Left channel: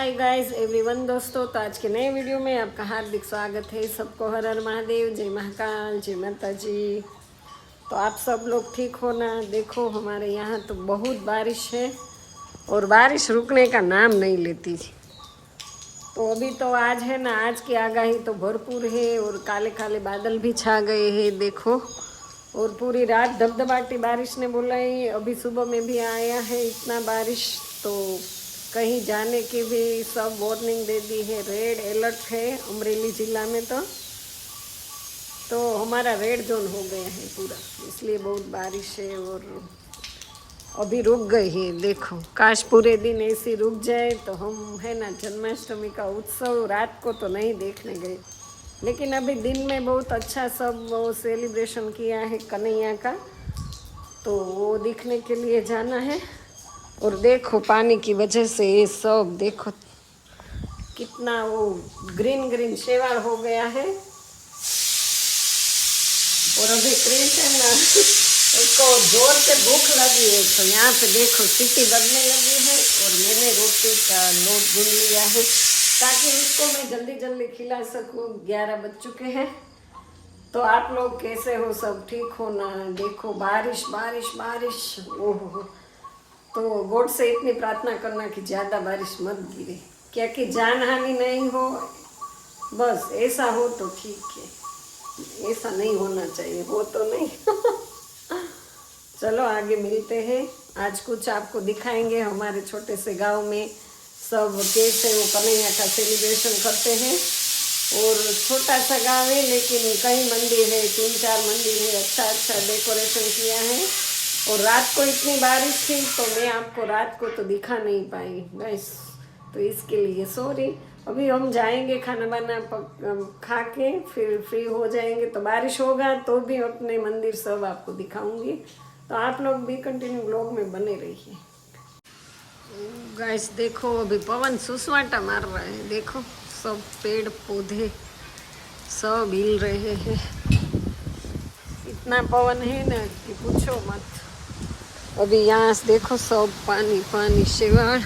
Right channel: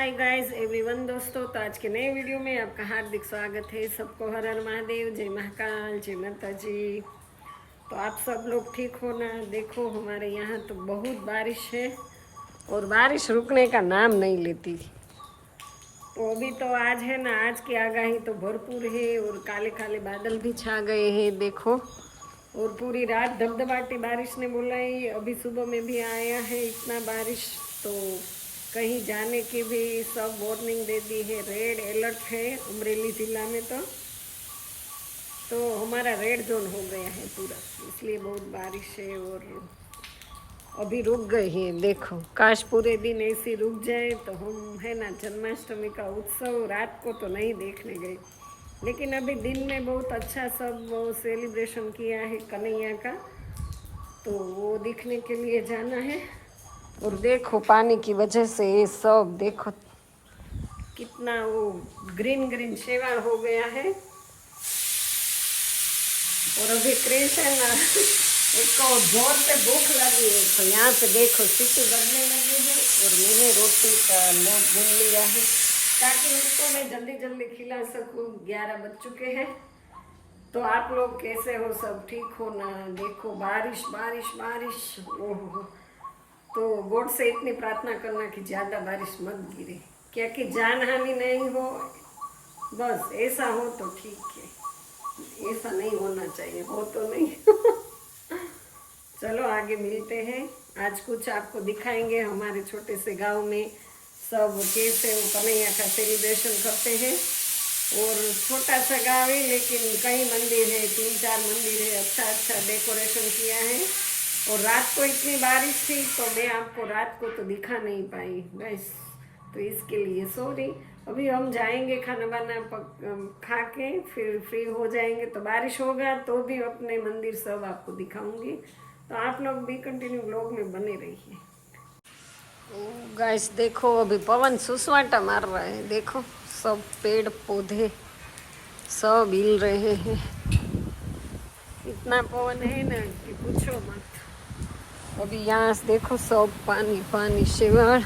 Hi guys everyone दोस्तों तो आज के नए वीडियो में आपका हार्दिक स्वागत है। सबको हर हर महादेव, जय महाकाल, जय माता जी तो आप सब लोग ठीक हो ना? देखो, हमारे यहाँ तो बहुत बारिश है और बारिश रुकने का नाम नहीं लेती। तो अभी तो आज है ना, आज की आगाही तो भरपूर है और काले काले बादल भी छा गए हैं, देखो। और पूरी रात धबधबाटी बारिश ने बुलाई, अभी सुबह में भी आया है इतना बारिश तो कहीं जाने की भी सब वार्निंग दे दी है। रेड अलर्ट है अमरेली जिला में तो। तो हमारा रेड जोन हो गया है पूरा। इसलिए बहुत बारिश है और अभी रुक गई है, देखो। काश पूरे दिन ऐसी रुक जाए तो हम, है ना, जन्माष्टमी का उत्सव रात को तो नहीं देखने गए। लेकिन अभी दिन में बहुत अच्छा सब वो सेलिब्रेशन किया है कन्हैया का। तो वो दिखने के लिए जाना है। और देखो पानी की वजह से ये सब, देखो कितना वो ग्रीन ग्रीन शेवाड़ हो गया है। और अभी ना, उसको ज़ोर से भूख लगी है। तो यहाँ पे देखो सीटी दबने लगी है और मैंने रोटी का लोट गूंद लिया है ताकि उसको मैं जल्दी जल्दी खिला सकूँ। ग्यारह बज चुके हैं। तो आप लोग कैसे हो? सब ठीक हो ना? देखो बारिश बारिश बारिश। ओहो तो गॉड से इतनी प्रार्थना करना कि ज़्यादा बारिश मत गिरे। क्या कि जान हानि नहीं हो, बस ऐसा हो तो ठीक है। ऐसा नहीं होना चाहिए, हो तो नहीं। चलो आगे मिलते हैं। आज कुछ आपको दिखाएँगे। हमारे छोटे से गाँव में सब कैसे वो कन्हैया का सेलिब्रेशन करते हैं। और छोटा सा गाँव है, लेकिन कई मंदिर है, तीन चार मंदिर है। अच्छा अच्छा डेकोरेशन किया है। और रात को इतनी बारिश थी तो मैं आपको रात को तो दिखा नहीं पाई। बस तो इसके लिए सॉरी अभी हम जाएँगे खाना वाना खा के फिर फ्री हो जाएँगे। तो बारिश होगा तो भी अपने मंदिर सब आपको दिखाऊँगी। तो आप लोग भी कंटिन्यू ब्लॉग में बने रहिए। गाइस देखो, अभी पवन सुसवाटा मार रहा है। देखो, सब पेड़ पौधे सब हिल रहे हैं। इतना पवन है ना कि पूछो मत। अभी यहाँ से देखो सब पानी पानी शेवाड़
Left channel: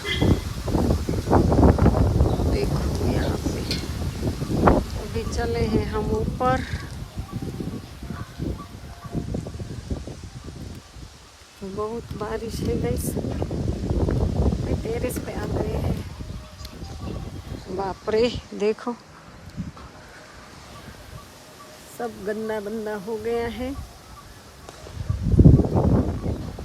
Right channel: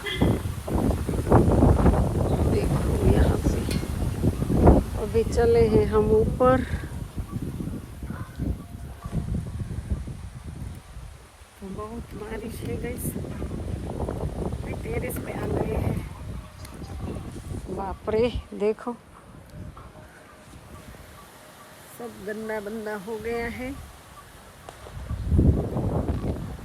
देखो यहाँ पे। अभी चले हैं हम ऊपर। तो बहुत बारिश है अभी टेरेस पे आ गए हैं। बाप रे, देखो। सब गंदा बंदा हो गया है।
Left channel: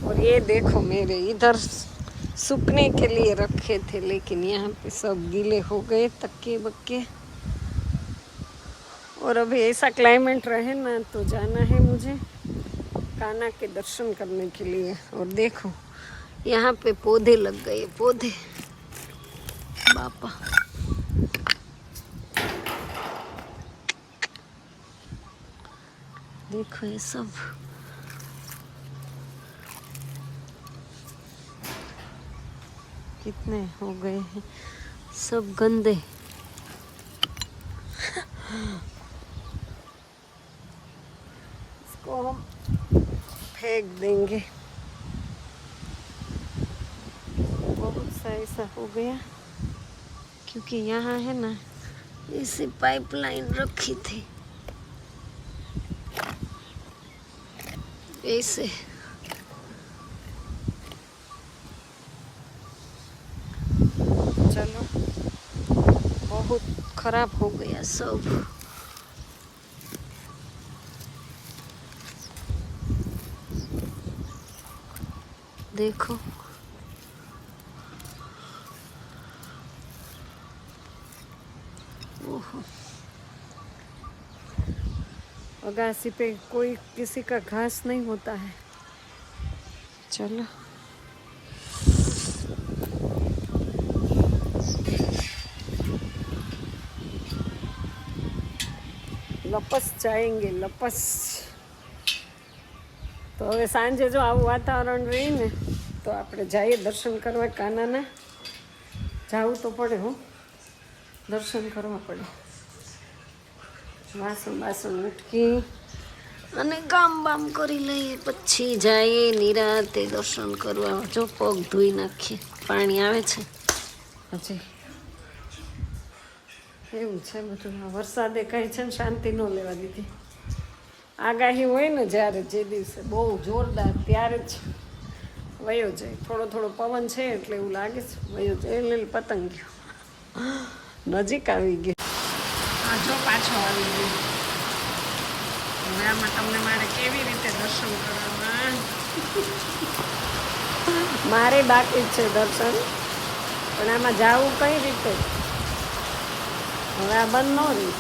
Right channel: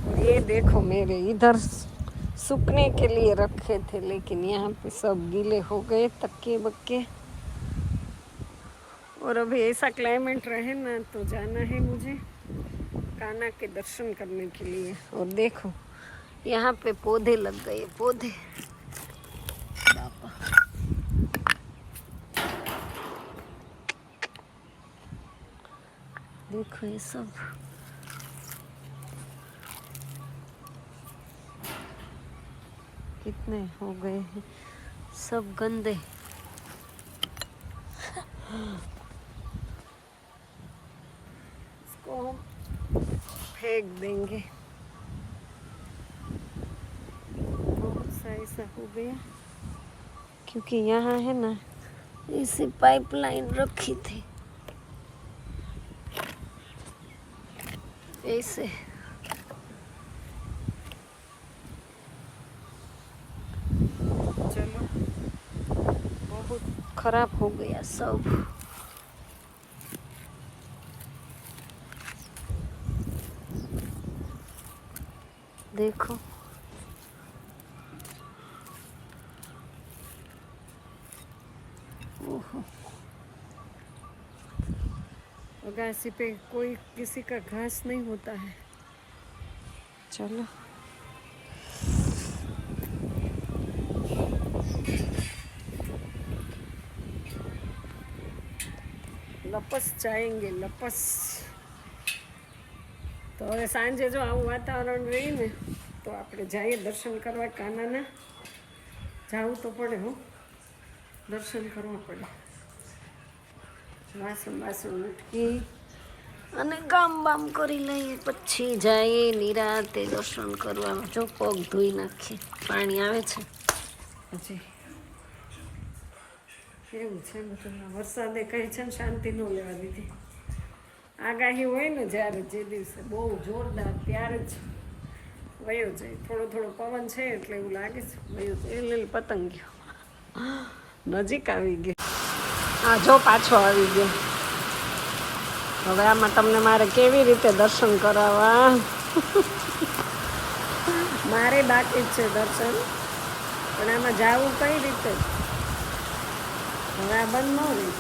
और ये देखो मेरे, इधर सूखने के लिए रखे थे, लेकिन यहाँ पे सब गीले हो गए, तक्के बक्के। और अभी ऐसा क्लाइमेट रहे ना तो जाना है मुझे काना के दर्शन करने के लिए। और देखो, यहाँ पे पौधे लग गए, पौधे। बापा। देखो ये सब। कितने हो गए हैं? सब गंदे। इसको हम फेंक देंगे। बहुत सा ऐसा हो गया, क्योंकि यहाँ है ना इसी पाइपलाइन रखी थी। ऐसे। चलो। बहुत खराब हो गया सब। देखो। अगासी पे कोई किसी का घास नहीं होता है। चलो। લપસ જાયંગે લપસ. તો હવે સાંજે જો આવું વાતાવરણ રહી ને તો આપણે જઈએ દર્શન કરવા કાનાના. જવું તો પડે હો. દર્શન કરવા પડે. વાસણ બાસણ મટકી અને ગામ બામ કરી લઈએ. પછી જઈએ નિરાતે દર્શન કરવા. જો પગ ધોઈ નાખીએ. પાણી આવે છે. પછી? એવું છે બધું વરસાદે કંઈ છે ને શાંતિ ન લેવા દીધી. આગાહી હોય ને જ્યારે જે દિવસે બહુ જોરદાર ત્યારે જ વયો જાય. થોડો થોડો પવન છે એટલે એવું લાગે છે. વયો જાય. લીલ પતંગ ગયો નજીક આવી ગયો. હા જો પાછો આવી ગયો. હવે આમાં તમને મારે કેવી રીતે દર્શન કરાવવા? મારે બાકી છે દર્શન. પણ આમાં જાવું કઈ રીતે? હવે આ બંધ ન રહ્યું.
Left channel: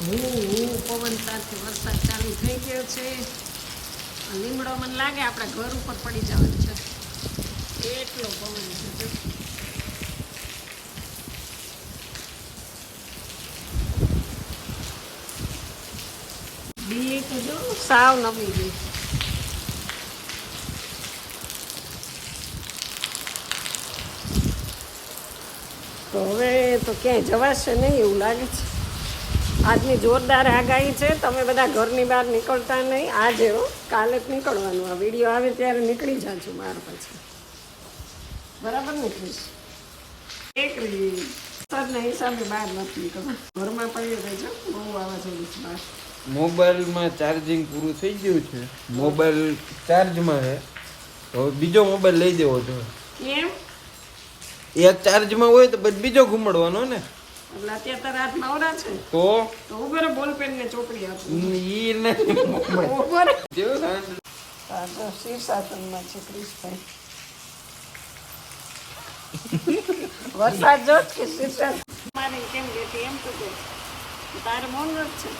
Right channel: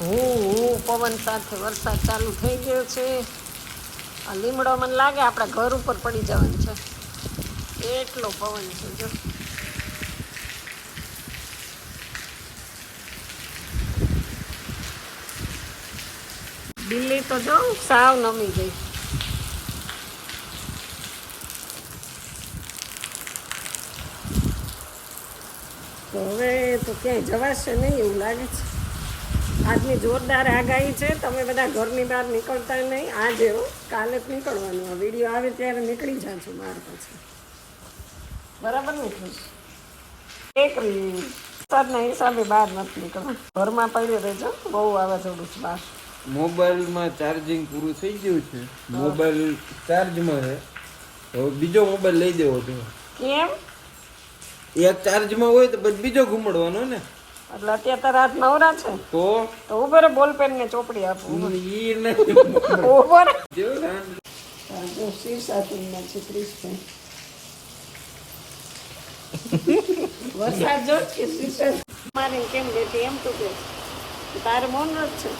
હું હું પવન સાથે વરસાદ ચાલુ થઈ ગયો છે. લીમડો મને લાગે આપણા ઘર ઉપર પડી જવાનું છે. એટલો પવન છે જો. દિલ્હી તો જો સાવ નમી ગઈ. તો હવે તો ક્યાંય જવાશે નહીં એવું લાગે છે. આજની જોરદાર આગાહી છે તમે બધા ઘરની બહાર નીકળતા નહીં. આજે કાલે જ નીકળવાનું. આ વીડિયો આવે ત્યારે નીકળી જાજો બહાર પછી બરાબર ને ખુશ? એક વરસાદના હિસાબે બહાર નથી નીકળવા. ઘરમાં પડ્યો રહેજો બહુ વાવાઝોડું છે બહાર. મોબાઈલમાં ચાર્જિંગ પૂરું થઈ ગયું છે. મોબાઈલ ચાર્જમાં છે. હવે બીજો મોબાઈલ લઈ દેવો જોઈએ કેમ? એક ચાર્જમાં હોય તો પછી બીજો ઘૂમડવાનો ને? એટલે અત્યારે તો રાત નવરા છે. તો? તો ઉભર બોલ પેન ને ચોપડી આપું. ઈ નહીં ઉભર. જો શાંત. જો શીર્ષાસનમાં છે ક્રિશભાઈ. વરસાદ જો કે શીર્ષાસન મારે કેમ બેઠી એમ તો કે તારે મૌન જ છે.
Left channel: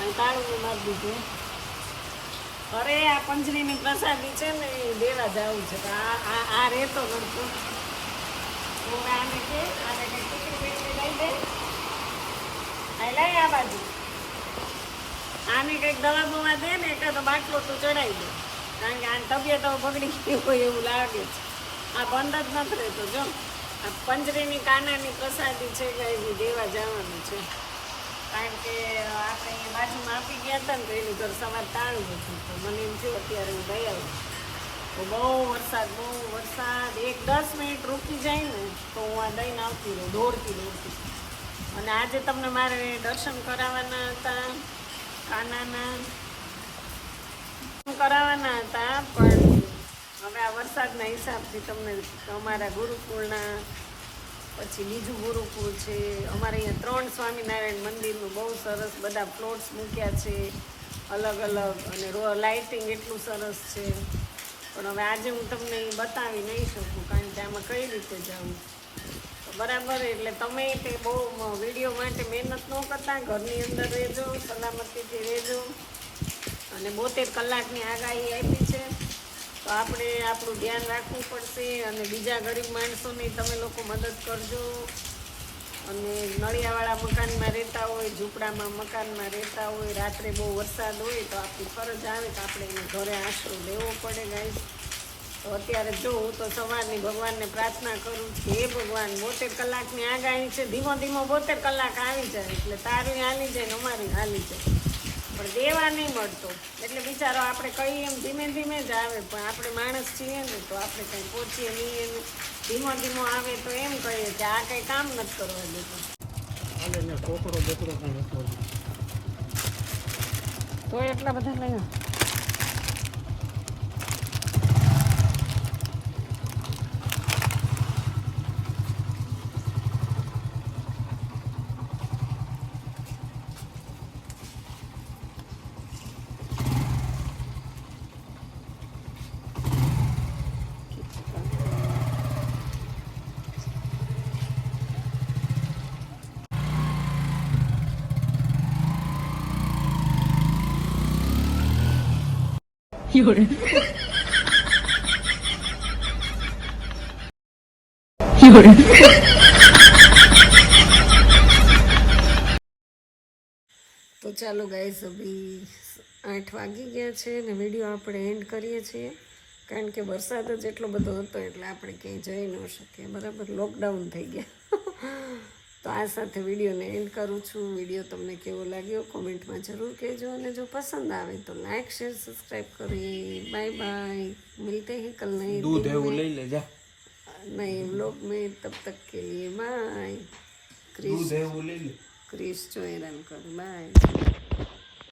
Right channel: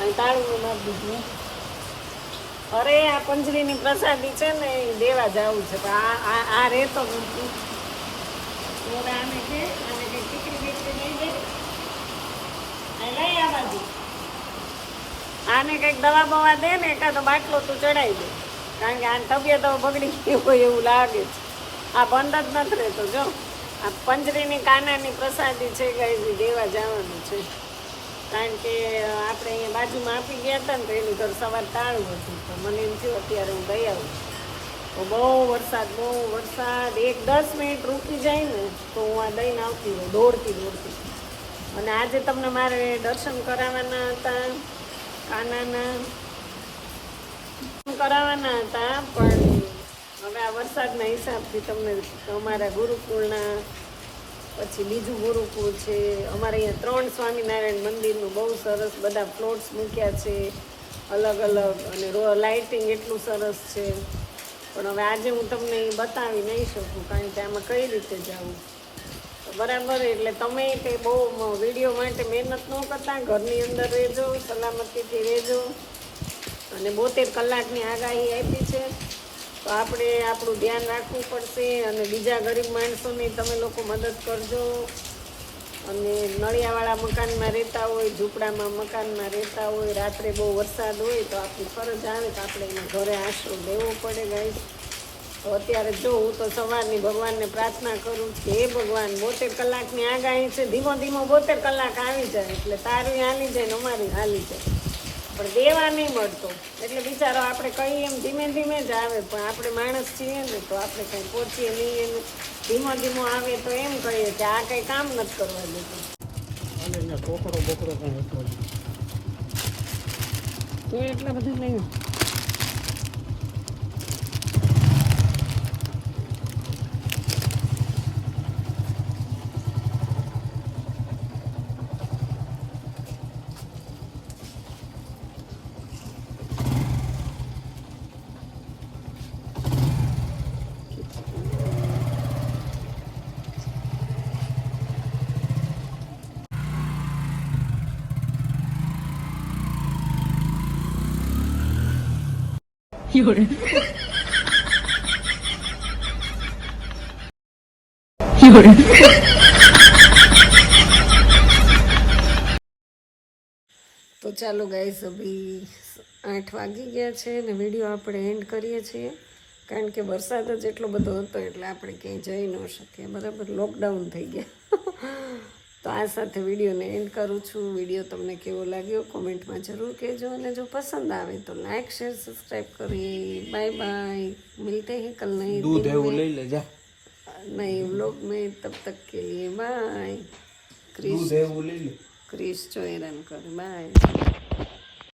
અને તાળું મારી દીધું અરે આ પંજરીની પ્રસાદી છે ને એ દેવા જવું છે. આ આ આ રહેતો નથી. આને છે બીકડી લઈ દે આ લઈ આ બાજુ આને કંઈક દવા બવા દે. ને એકાદો બાટલો તું ચડાવી દે કારણ કે આની તબિયત બગડી ગઈ હોય એવું લાગે છે આ બંધ જ નથી રહેતો જો આ પંજરીની કાનાની પ્રસાદી છે કઈ દેવા જવાનું છે. કારણ કે આપણે અહીંયા બાજુમાં આપી ગયા હતા ને તો એનું ઘર સવાર તાળું હતું. તો મને એમ થયું, અત્યારે હું ગઈ આવું. તો બહુ વરસાદ બહુ વરસાદ. એક દસ મિનિટ રૂકી જાય ને, તો હું આ દઈને આવતી રહું, દોડતી દોડતી. અને આજે તમને મારે દર્શન કરાવવાના હતા, કાનાના. કરાવવાના હતા, પણ હવે આ વરસાદના હિસાબથી તમને અમારા ગુરુકુળના, પછી બીજું ગુરુકુળ છે. અમારે અહીંયા ત્રણ સ્વામિનારાયણ મંદિરનું બહુ સરસ બધા પ્લોટ્સ મૂક્યા છે. અલગ અલગ અને રો, લાઇટિંગ એટલું સરસ છે. પણ હવે આજે હું તમને બતાવી નહીં શકું, કારણ કે આમાં કઈ રીતે જવું? બરાબર, એટલે તમે તે બહુ વીડિયો માટે મહેનત ન કરતા, ઘરની અંદર રહેજો, સલામતીથી રહેજો. અને બોતેર કલાકની આગાહી આપી છે. તો આપણે આપણું ધ્યાન રાખવું પડશે અને બીજા ગરીબ માણસોની તમે લોકો મદદ કરજો. અને નળિયાવાળા મકાનમાં રહેતા હોય, ઝૂંપડામાં મકાનમાં રહેતા હોય, રાત્રે બહુ વરસાદ હોય તો આપણી ફરજ આવે તો આપણે એને ઘરે આશરો દેવો પડે ગાઈસ તો અત્યારે જો હું તો સવારની ભગવાનને પ્રાર્થના કરું છું હે ભગવાન, બોતેર કલાકની આગાહી છે, ધીમો ધીમો બોતેર કલાક આવી જાય, એટલે તારી હાલી જાય ને અમારી હાલી જાય. પણ દેવા નહીં મળતો. એટલે બિચારો આપણે કહીએ એમ ધીમે ધીમે જ આવે પણ આપણે માણસ છીએ ને તો આપણે કંઈ પહોંચીએ નહીં એને. ધીમો ધીમો આવે તો એમ કહીએ કે આ કંઈ કામ નથી કરવા દેતું. તો એટલા બધા લઈ તો ચાલો ગાઈસ અભી આઠ વાગી ગયા છે ને વીડિયો આપણે એન્ડ કરીએ છીએ. કારણ કે વરસાદ જ એટલો બધો હતો એટલે આપણે ક્યાંય જઈ ન શકીએ. બરાબર લોકડાઉન થઈ ગયા. તો આ સાથે વિડીયોને એન્ડ કરું છું. વીડિયો તમને કેવો લાગ્યો કોમેન્ટમાં જરૂર કહેજો અને જો પસંદ આવે તો લાઇક શેર સબસ્ક્રાઈબ કરીએ બાય બાય. મિલતે હે કલ નહીં દૂધ એવું લઈ લેજા. નહીં વ્લોગ મેં તબ તક કે લીએ બાય. ક્રિશ ક્રિસ. જો હેરાન કરે. બાય.